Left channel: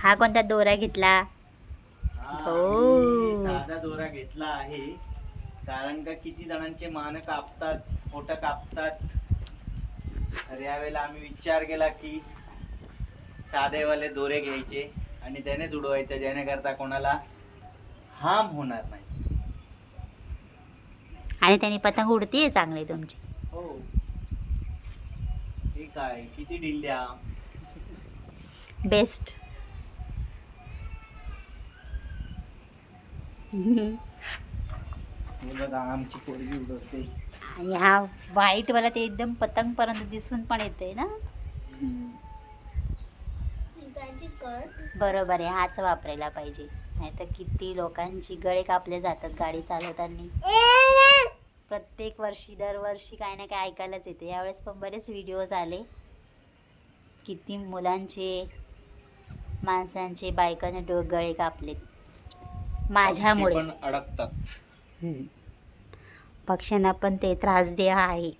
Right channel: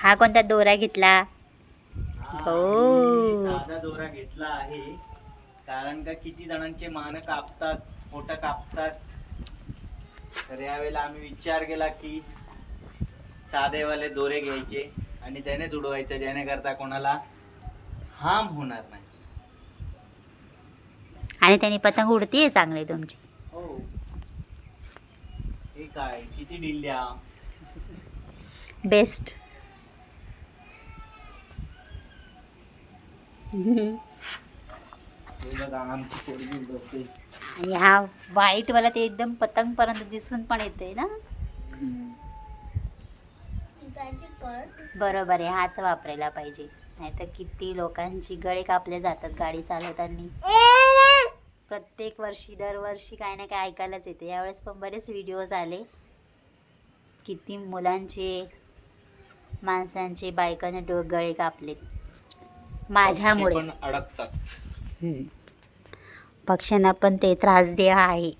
हा कोणता दोरा घेतला? हो. साधा दोरा घेतला आहे कारण का किती जणांचे मान कापतात, पोट कापतात. तर यावेळेला आम्ही विचार केला की साधेवाले दोरे घ्यायचे आणि त्यानेच उडवायचं, जेणेकरता कोणाला हार्म होणार नाही. आणि त्यांनी पतंग उडतीये चांगली तुमची. हो. हे काय किती ढिल्ल्या. बेस्ट. हे बघा आमची पोरगी उडवते. आणि हा व्हाईट वाला ते एकदम पतंग पर्यंत दिसून पण येते ना. बरोबर आहे, हाच वापरायला पाहिजे. नाहीतर किती लोकांची गळे कापले जातात गाडी चालवताना. प्रत्येक वर्षी दरवर्षी काय ना काय ऐकायलाच येते. यावेळेस पण बरेच व्हिडिओज आले, किती मुलांचे, माणसांचे, बायकांचे गळे कापलेत माझ्यामुळे. पण अडकतात. पक्ष्यांना पण ते त्रास आहे.